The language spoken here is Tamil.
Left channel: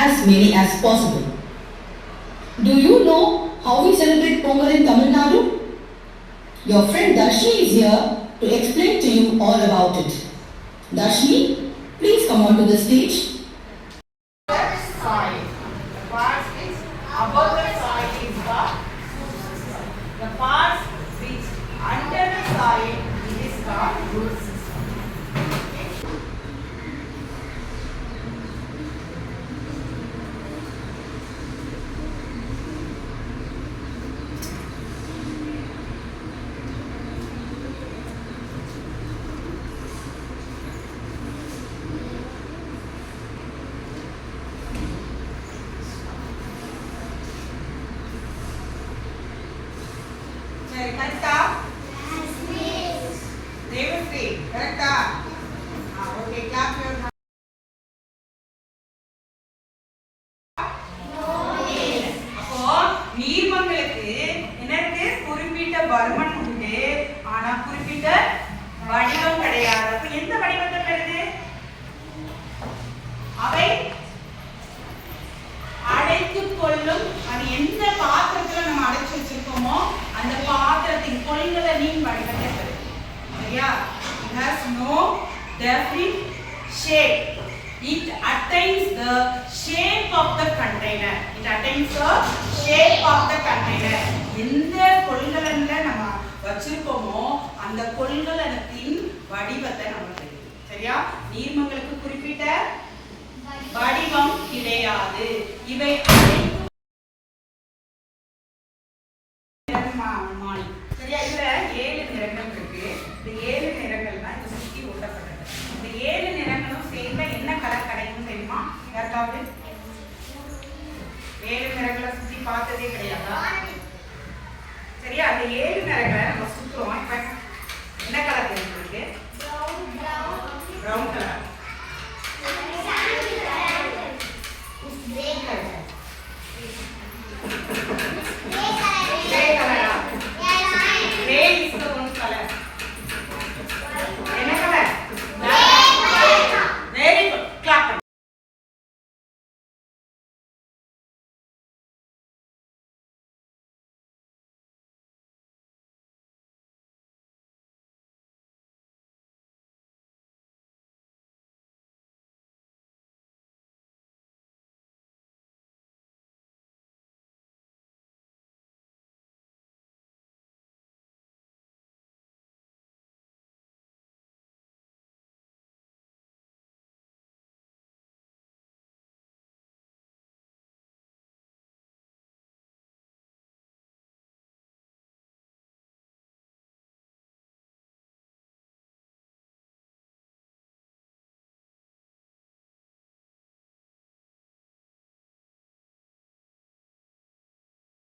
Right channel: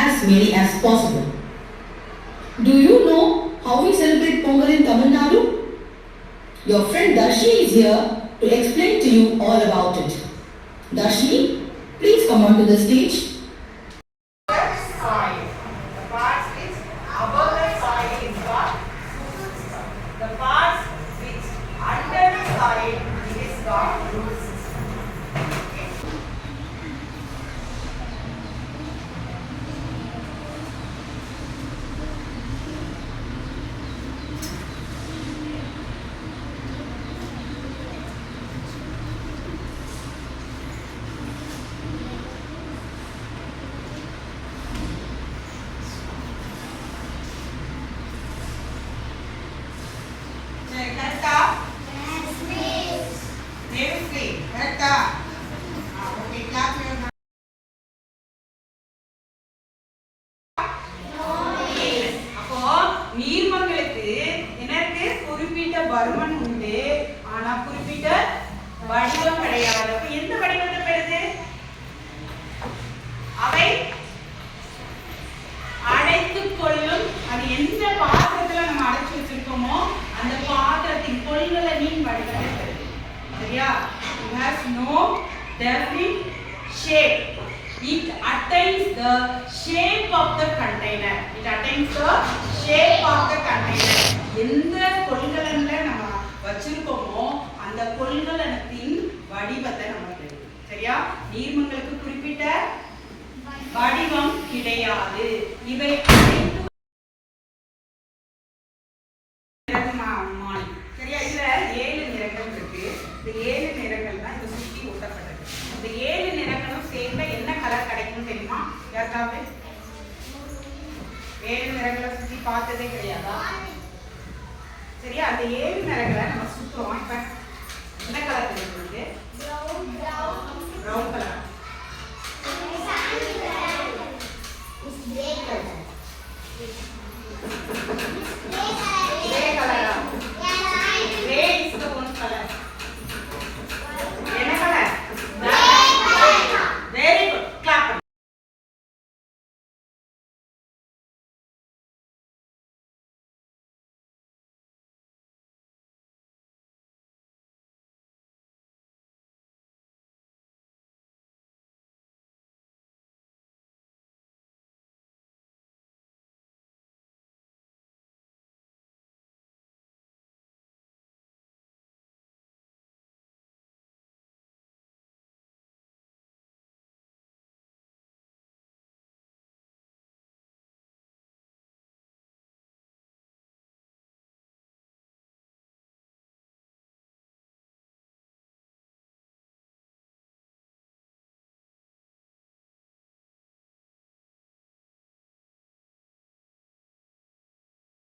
as many as possible. Do you know how we celebrate Pongal in Tamil Nadu? Your friend Darshini is here to explain to you all about it. Darshini, please come onto the stage. Soil. The parts is above the soil is called soil. The parts which under the soil it is called root system. Okay. Correcta? Yes, miss. Devasri, correcta? Okay, clap your hands. அப்போ நீர்மங்களுக்கு எனக்கு குறிப்பிட்ட பருமன் உண்டு, ஆனா குறிப்பிட்ட வடிவம் கிடையாது. அப்ப எந்த வடிவத்தை பெறுது? அவை அடைத்துக் கொள்ளும். அது எந்த பாத்திரத்துல நம்ம அடைச்சு வச்சிருக்கோமோ அந்த பாத்திரத்தின் கொள்கலனின் வடிவத்தை பெறுது. சரியா? It has no definite shape. It attains the shape of the container. It attains the shape of the container. எந்த கொள்கலன்ல நம்ம வச்சிருக்கோமோ அந்த கொள்கலனத்தின் வடிவத்தை நம்ம பெறுது. சரியா? நீர்மங்களுக்கு குறிப்பிட்ட வடிவம் கிடையாது. இவை அனைத்தும் மாறி. சரியா? இதுல 7 நிறங்கள் இருக்கு. இந்த 7 நிறங்கள் தான் இது சுத்தி ஒட்டப்பட்டது. இந்த 7 நிறங்களும் சேர்ந்தா என்ன கலர் கிடைக்கும் தெரியுமா? யாருக்காவது 7 நிறங்களை சுத்தி பார்த்ததே கிடையாதா? சரியா? அந்த 7 நிறங்களை நம்ம சுத்துறோம். இப்ப என்ன கலர் தெரியும்?